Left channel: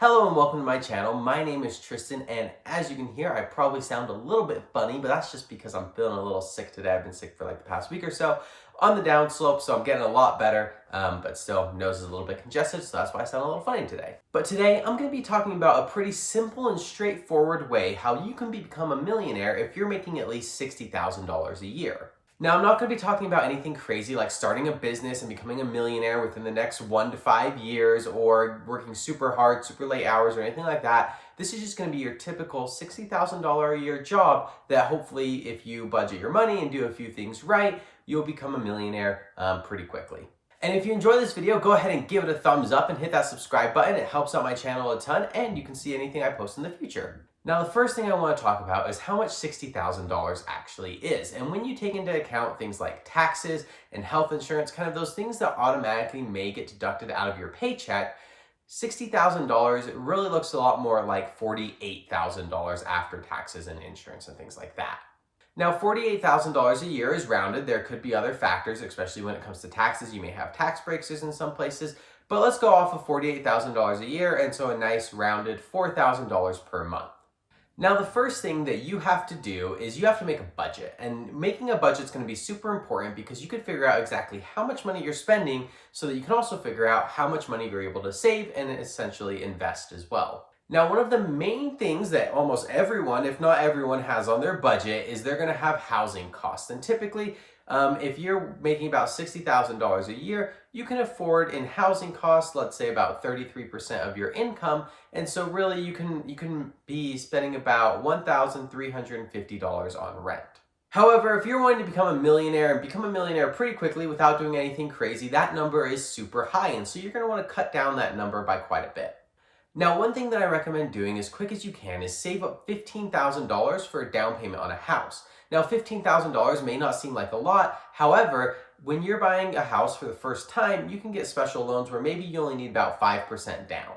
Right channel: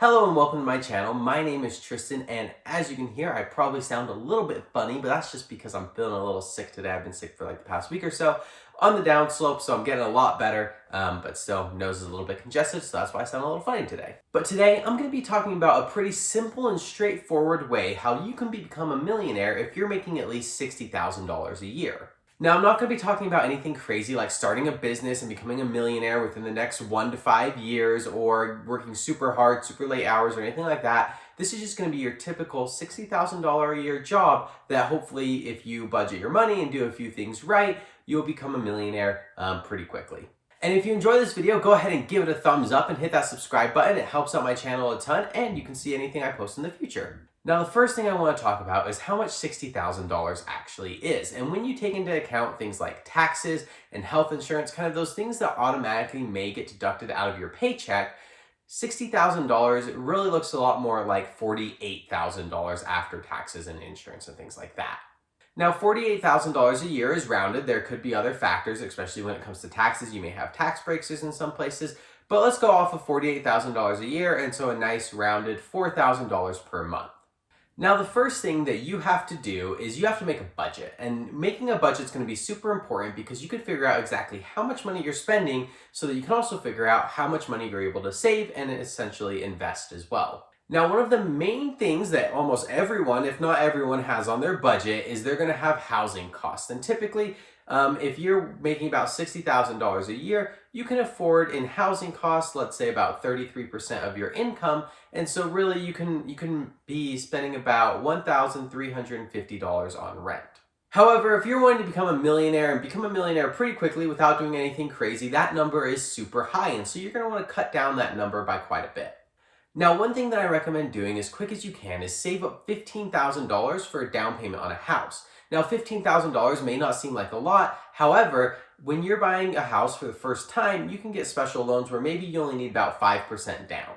Hello and welcome to my channel. My name is Tristan, and as you can hear, I probably sound a little bit funny, but that's just because I'm feeling a little sick today. I've been sick for like the past week or so on the downslope, so I'm getting a lot better, but still nose is a little bit congested, so that's why I sound a little funny today. But today I'm going to be talking about a pretty simple and straightforward way how you can become a millionaire if you're making at least $60,000 a year. Now, I'm not going to be talking about anything crazy like starting a business and becoming a millionaire within the next 1 to 5 years or working super hard, super late hours or anything like that. This is just going to be your typical $60,000 a year job that hopefully, if you budget your money and do a few things right, you'll become a millionaire pretty quickly. And if you enjoy this video, go ahead and give it a thumbs up and hit that subscribe button. It helps out my channel a ton and you can see anything I post in the future. Now, the first thing I want to talk about is how much $60,000 actually is. And when you take into account things like taxes and health insurance, kind of those things that automatically may get deducted out of your paycheck, $60,000 really looks a lot more like $48,000 after taxes and insurance and things like that. Now, $48,000 a year is rounded. There could be other factors, especially when it comes to taxes. You may have tax breaks in some places, but let's go off of $48,000 a year, and so a nice rounded $4,000 per month. Now, the first thing that you have to do is you have to make a budget, and making a budget is going to be super important because you could figure out exactly how much money you're spending so that you can also figure out how much money you're able to save and essentially invest as well. Now, one of the main things that almost everyone, if not everyone, has on their budget is they're going to have housing costs. And typically, if you're making about $60,000 a year, you can afford in housing costs, let's say about 33% of your income. And so really you can be spending about $1,350 on rent. However, if you're wanting to become a millionaire and become a millionaire pretty quickly without doing anything crazy, that number is super high. And so you're going to want to cut down that number by quite a bit. Now, one thing that I recommend doing as quick as you can is save up $15,000 for a down payment on a house. Now, $15,000 may not seem like a lot. However, when you're buying a house for the first time, you can get special loans where maybe you only need about 5% down.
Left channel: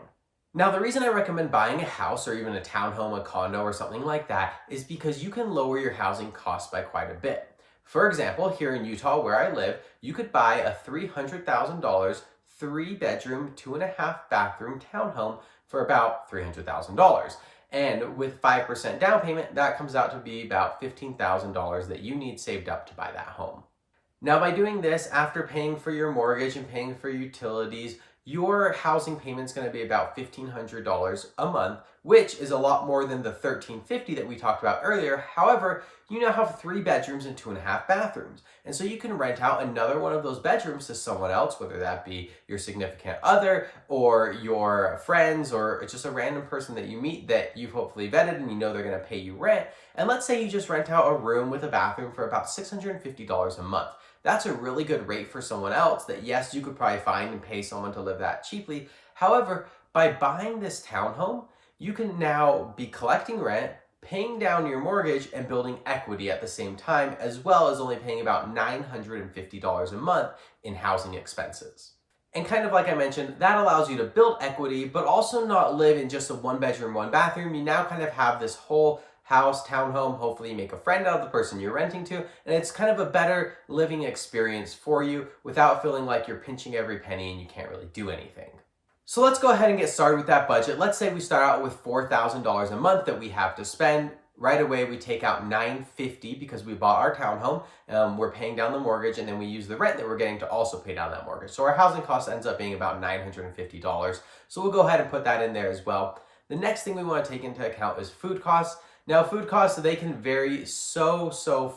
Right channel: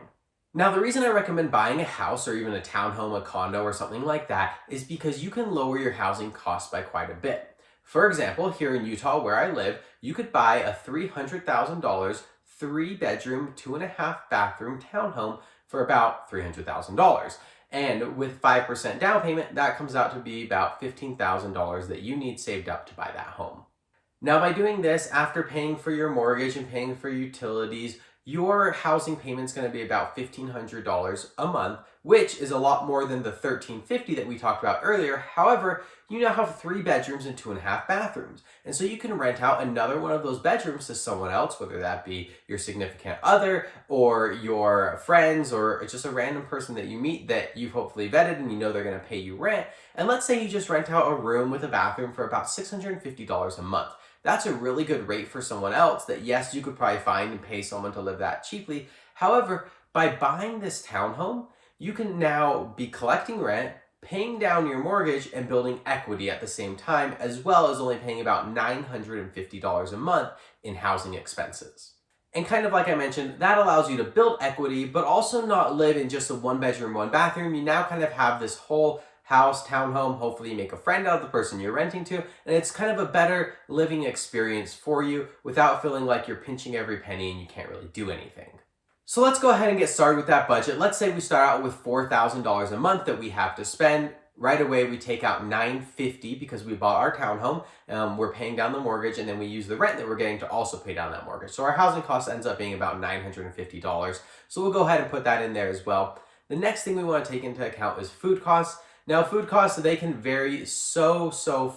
Now, the reason I recommend buying a house or even a townhome, a condo, or something like that is because you can lower your housing costs by quite a bit. For example, here in Utah, where I live, you could buy a $300,000, 3-bedroom, 2.5-bathroom townhome for about $300,000. And with 5% down payment, that comes out to be about $15,000 that you need saved up to buy that home. Now, by doing this, after paying for your mortgage and paying for utilities, your housing payment is going to be about $1,500 a month, which is a lot more than the $1,350 that we talked about earlier. However, you now have 3 bedrooms and 2.5 bathrooms. And so you can rent out another one of those bedrooms to someone else, whether that be your significant other or your friends or just a random person that you meet that you've hopefully vetted and you know they're going to pay you rent. And let's say you just rent out a room with a bathroom for about $650 a month. That's a really good rate for someone else that, yes, you could probably find and pay someone to live that cheaply. However, by buying this townhome, you can now be collecting rent, paying down your mortgage, and building equity at the same time, as well as only paying about $950 a month in housing expenses. And kind of like I mentioned, that allows you to build equity, but also not live in just a 1-bedroom, 1-bathroom. You now kind of have this whole house, townhome. Hopefully you make a friend out of the person you're renting to, and it's kind of a better living experience for you without feeling like you're pinching every penny and you can't really do anything. So let's go ahead and get started with that budget. Let's say we start out with $4,000 a month that we have to spend. Right away, we take out $950 because we bought our townhome. We're paying down the mortgage, and then we use the rent that we're getting to also pay down that mortgage. So our housing cost ends up being about $950. So we'll go ahead and put that in there as well. The next thing we want to take into account is food costs. Now, food costs, they can vary so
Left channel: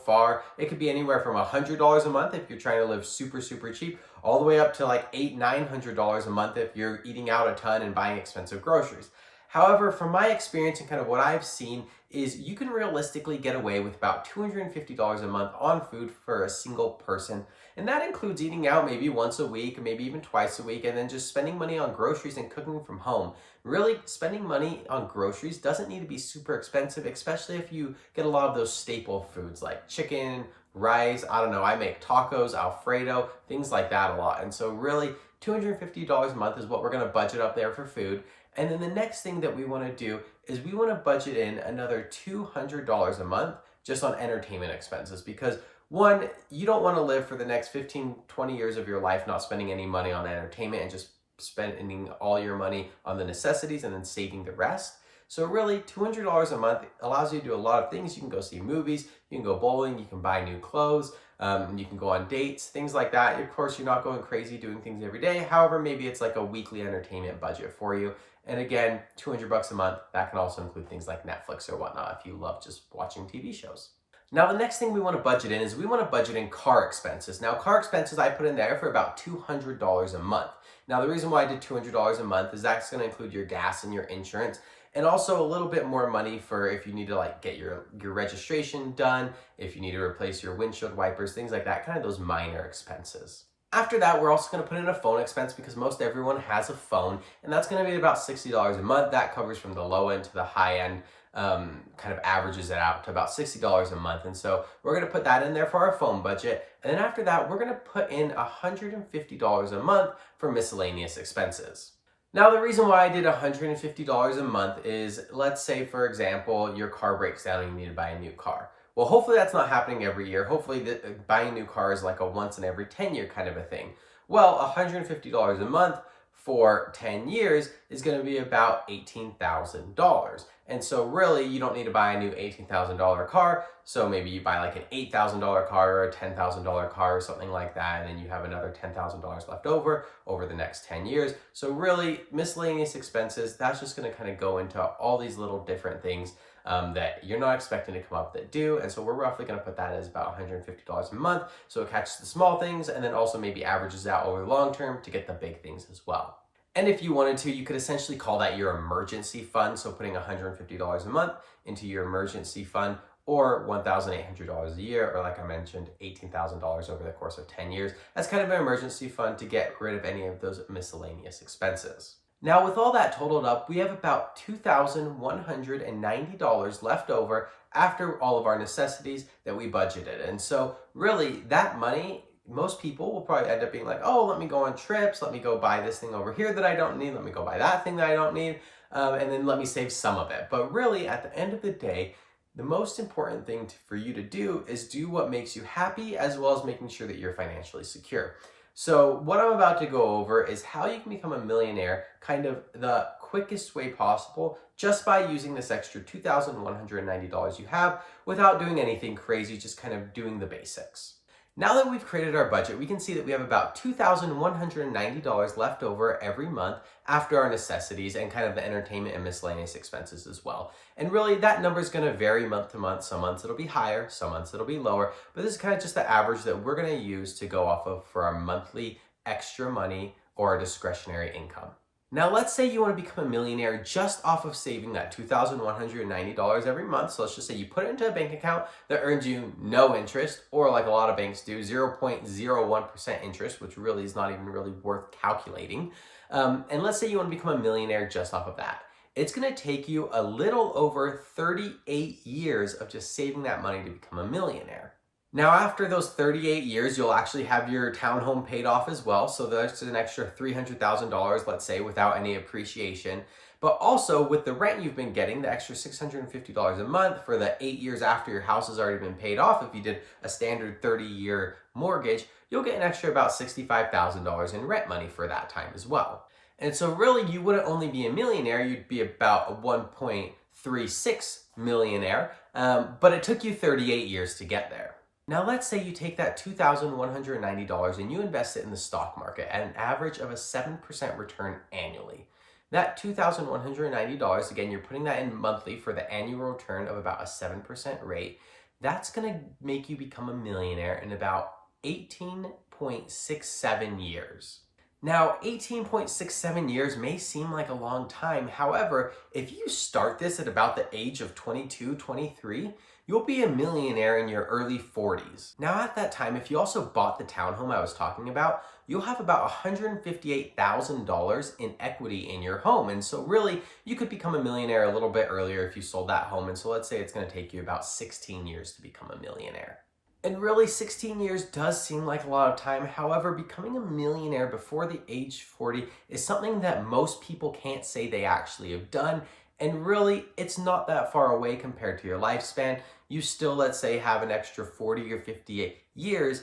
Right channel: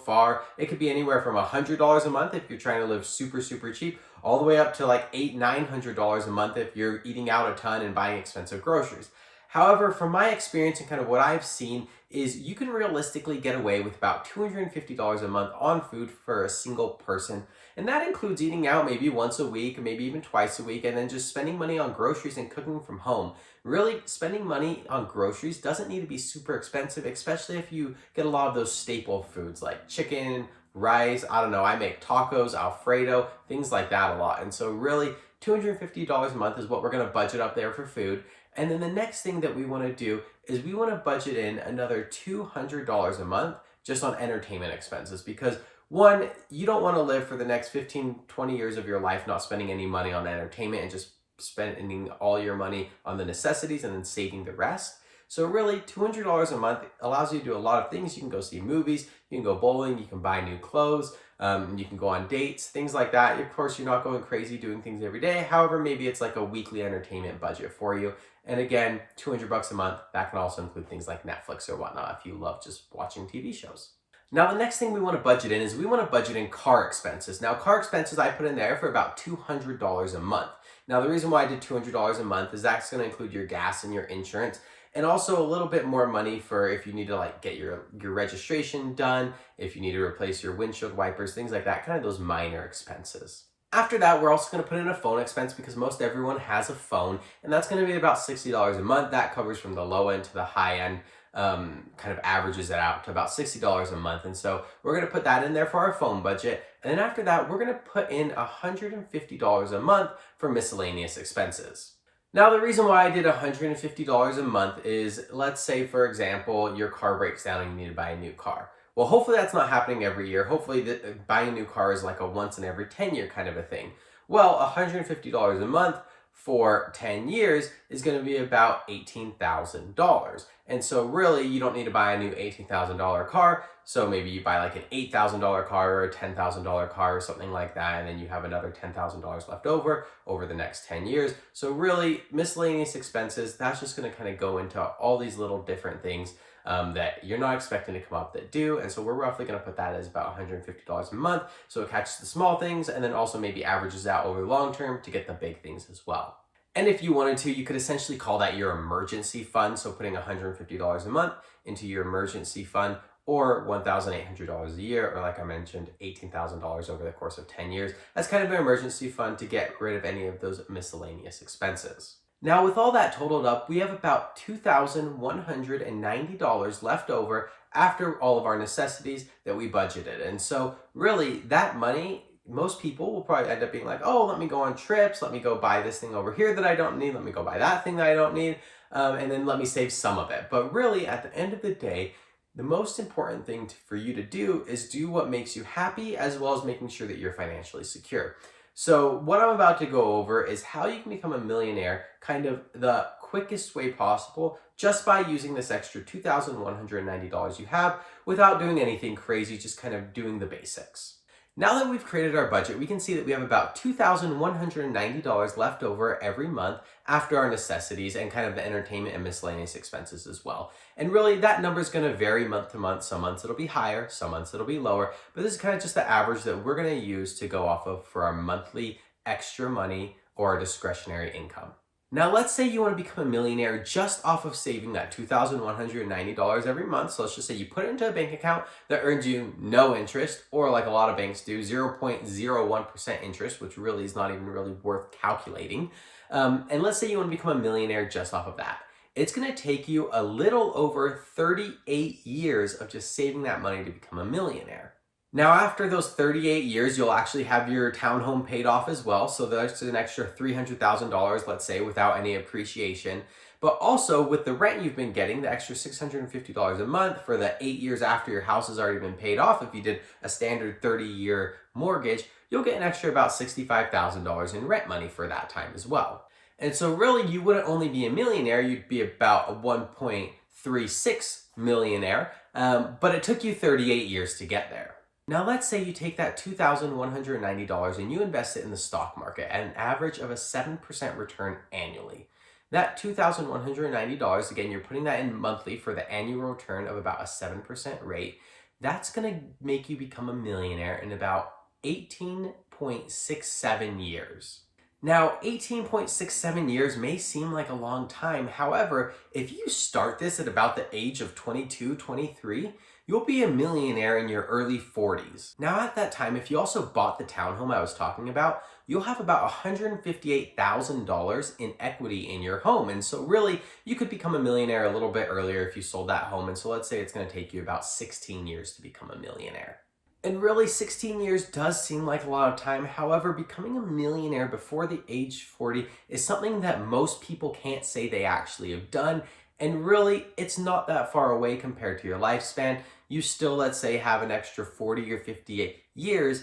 far. It could be anywhere from $100 a month if you're trying to live super cheap, all the way up to like $800-900 a month if you're eating out a ton and buying expensive groceries. However, from my experience and kind of what I've seen is you can realistically get away with about $250 a month on food for a single person. And that includes eating out maybe once a week, maybe even twice a week, and then just spending money on groceries and cooking from home. Really, spending money on groceries doesn't need to be super expensive, especially if you get a lot of those staple foods like chicken, rice, I don't know, I make tacos, Alfredo, things like that a lot. And so really, $250 a month is what we're going to budget up there for food. And then the next thing that we want to do is we want to budget in another $200 a month just on entertainment expenses because one, you don't want to live for the next 15, 20 years of your life not spending any money on entertainment and just spending all your money on the necessities and then saving the rest. So really, $200 a month allows you to do a lot of things. You can go see movies, you can go bowling, you can buy new clothes, you can go on dates, things like that. Of course, you're not going crazy doing things every day. However, maybe it's like a weekly entertainment budget for you. And again, $200 a month, that can also include things like Netflix or whatnot if you love just watching TV shows. Now, the next thing we want to budget in is we want to budget in car expenses. Now, car expenses I put in there for about $200 a month. Now, the reason why I did $200 a month is that's going to include your gas and your insurance, and also a little bit more money for if you need to like get your registration done, if you need to replace your windshield wipers, things like that, kind of those minor expenses. After that, we're also going to put in a phone expense because most everyone has a phone, and that's going to be about $60 a month. That covers from the low end to the high end, kind of averages it out to about $60 a month. And so we're going to put that in there for our phone budget. And then after that, we're going to put in $150 a month for miscellaneous expenses. Now, the reason why I did $150 a month is, let's say, for example, your car breaks down and you need to buy a new car. Well, hopefully that's not happening every year. Hopefully buying a new car is like a once in every 10 year kind of a thing. Well, $150 a month for 10 years is going to be about $18,000. And so really you don't need to buy a new $18,000 car. So maybe you buy like an $8,000 car or a $10,000 car or something like that. And then you have another $10,000 left over the next 10 years. So really miscellaneous expenses, that's just going to kind of go into all these little different things that you're not expecting to come up that do. And so we're roughly going to put that as about $150 a month. So it catches the small things and then also maybe averages out over the long term to get the big things as well. And if you wanted to, you could essentially call that your emergency fund. So putting $150 a month into your emergency fund, or $1,800 a year, or like I mentioned, $18,000 over the course of 10 years. That's kind of an emergency fund to get rid of any of those miscellaneous expenses. Now, with all that totaled up, we have about $2,190 left over after all of our necessities that we budgeted. And so really that money, most people will probably end up being like, oh, let me go on trips, let me go buy this thing over here that I don't need, let me go buy that thing that I don't need, and then let me save some of it. But really, at the end of the day, the most important thing for you to do is do what makes you happy, as well as making sure that you're financially secure. So what I'm about to go over is how you can become a millionaire kind of the quickest way possible, just by using this extra $2,190 you have without doing anything crazy, just kind of doing the basics. Now that we've created our budget, we can see that we have about $2,190 left over every month after our necessities and kind of the entertainment and miscellaneous expenses as well. And really that number is going to vary month to month. Some months it'll be higher, some months it'll be lower, but this is kind of just the average that we're going to use to go off of for our monthly extra money or our discretionary income. Now, let's say you want to become a millionaire just off of saving that $2,190 every month. So let's just say you put it into a bank account that earns you no interest, or like a lot of banks do, 0.01% interest, which really is not even really worth calculating. And let's say you want to become a millionaire just off of that. It's going to take you a little over 38 years of just saving that money to become a millionaire. Now, after those 38 years, you'll actually have your townhome paid off as well. So that's an extra $300,000, let's say, without any appreciation. But also with the rent you've been getting, the extra $650 a month for the 8 years after your house has already been paid off, if you did a standard 30-year mortgage, you'll get an extra about $65,000 in rent money for that time as well. And so really, you wouldn't only be a millionaire, you'd be about a 1.36 millionaire, but it took you 38 years to get there. Now, let's say you take that $2,190 and you invest it in the stock market at an average of a 7% return annually. That $2,190, again, you're putting that in monthly for the annual return of about a 7% rate. That's going to make you become a millionaire in about 18.67 years. Now, 18.67 years may seem like a long time. However, if you start this at about the age of 22, 23, you'll be a millionaire in your early 40s. Now, at that time, if you also bought the townhome I was talking about, you'll have about $158,000 in equity in your home. And so really, you could become a millionaire a little bit earlier if you sold that home. And so let's say it's going to take you about 16 years to become a millionaire. And really, 16 years does seem like a lot of time. However, becoming a millionaire before the age 40 is something that most people can't say they actually have done. And really, it's not that far away compared to your lifespan. You still, let's say, have an extra 40 or 58 years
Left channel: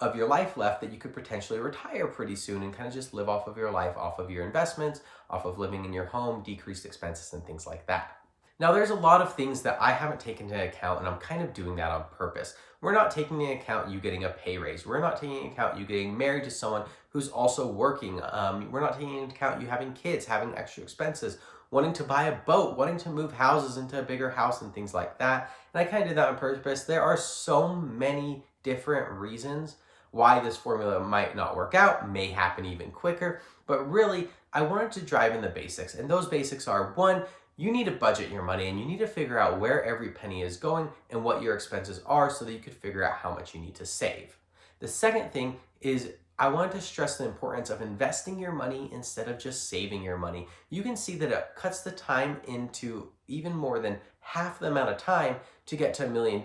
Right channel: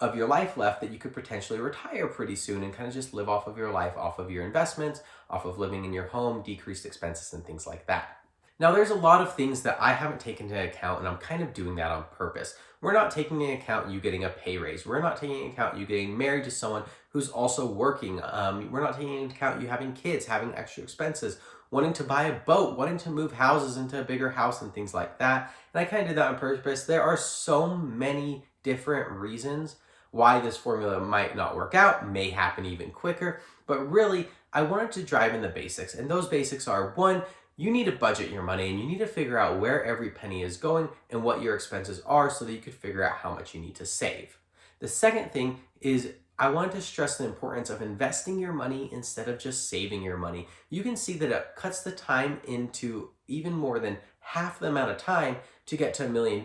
of your life left that you could potentially retire pretty soon and kind of just live off of your life, off of your investments, off of living in your home, decreased expenses and things like that. Now, there's a lot of things that I haven't taken into account, and I'm kind of doing that on purpose. We're not taking into account you getting a pay raise. We're not taking into account you getting married to someone who's also working. We're not taking into account you having kids, having extra expenses, wanting to buy a boat, wanting to move houses into a bigger house and things like that. And I kind of did that on purpose. There are so many different reasons why this formula might not work out, may happen even quicker. But really, I wanted to drive in the basics. And those basics are, one, you need to budget your money and you need to figure out where every penny is going and what your expenses are so that you could figure out how much you need to save. The second thing is I wanted to stress the importance of investing your money instead of just saving your money. You can see that it cuts the time into even more than half the amount of time to get to $1 million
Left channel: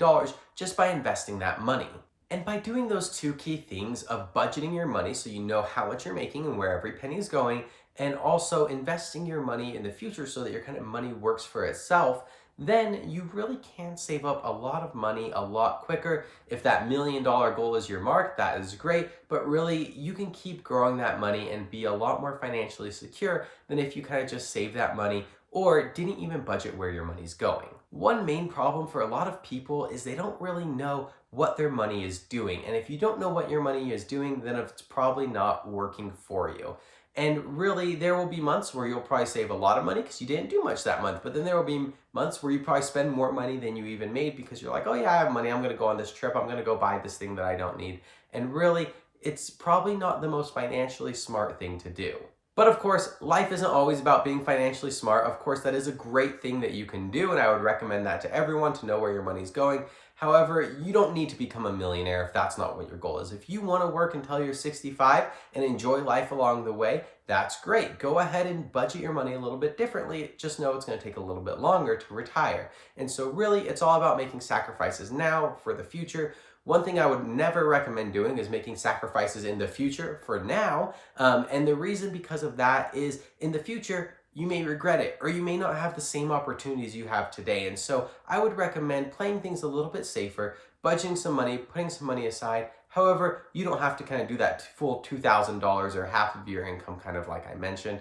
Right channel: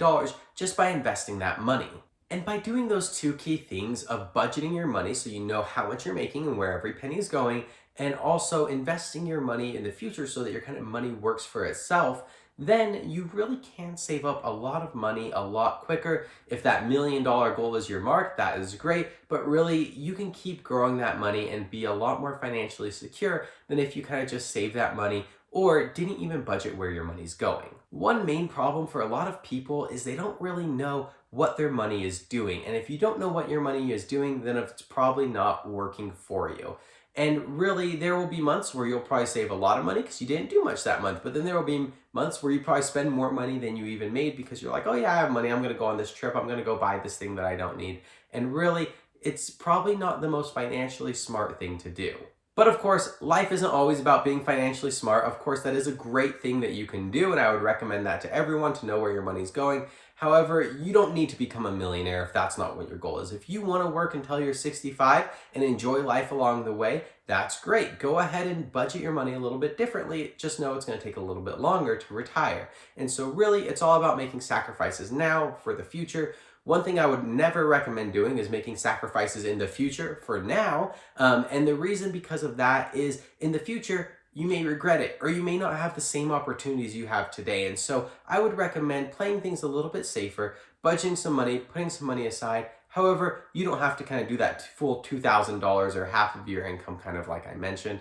just by investing that money. And by doing those two key things of budgeting your money so you know how much you're making and where every penny is going, and also investing your money in the future so that your kind of money works for itself, then you really can save up a lot of money a lot quicker. If that $1 million goal is your mark, that is great, but really you can keep growing that money and be a lot more financially secure than if you kind of just save that money or didn't even budget where your money's going. One main problem for a lot of people is they don't really know what their money is doing. And if you don't know what your money is doing, then it's probably not working for you. And really, there will be months where you'll probably save a lot of money because you didn't do much that month. But then there will be months where you probably spend more money than you even made because you're like, oh yeah, I have money. I'm going to go on this trip. I'm going to go buy this thing that I don't need. And really, it's probably not the most financially smart thing to do. But of course, life isn't always about being financially smart. Of course, that is a great thing that you can do, and I would recommend that to everyone to know where your money's going. However, you don't need to become a millionaire if that's not what your goal is. If you want to work until you're 65 and enjoy life along the way, that's great. Go ahead and budget your money a little bit differently. Just know it's going to take a little bit longer to retire. And so really, it's all about making sacrifices now for the future. One thing I would never recommend doing is making sacrifices in the future for now. And the reason because of that is in the future, you may regret it or you may not have the same opportunities you have today. And so I would recommend playing things a little bit safer, budgeting some money, putting some money aside. However, you don't have to kind of do that full $2,000 or half of your income, kind of like I mentioned.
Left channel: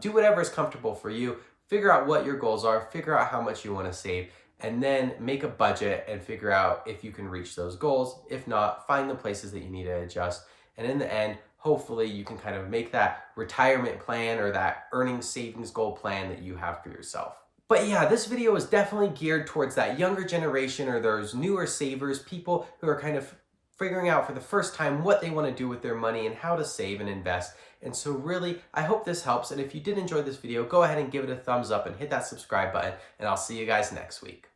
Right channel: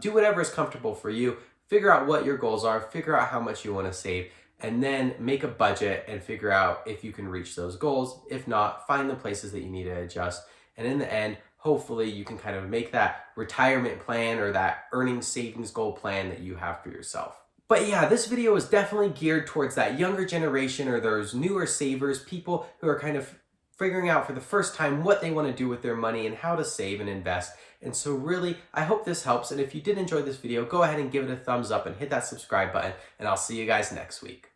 Do whatever is comfortable for you. Figure out what your goals are, figure out how much you want to save, and then make a budget and figure out if you can reach those goals. If not, find the places that you need to adjust. And in the end, hopefully you can kind of make that retirement plan or that earnings savings goal plan that you have for yourself. But yeah, this video is definitely geared towards that younger generation or those newer savers, people who are kind of figuring out for the first time what they want to do with their money and how to save and invest. And so really, I hope this helps. And if you did enjoy this video, go ahead and give it a thumbs up and hit that subscribe button, and I'll see you guys next week.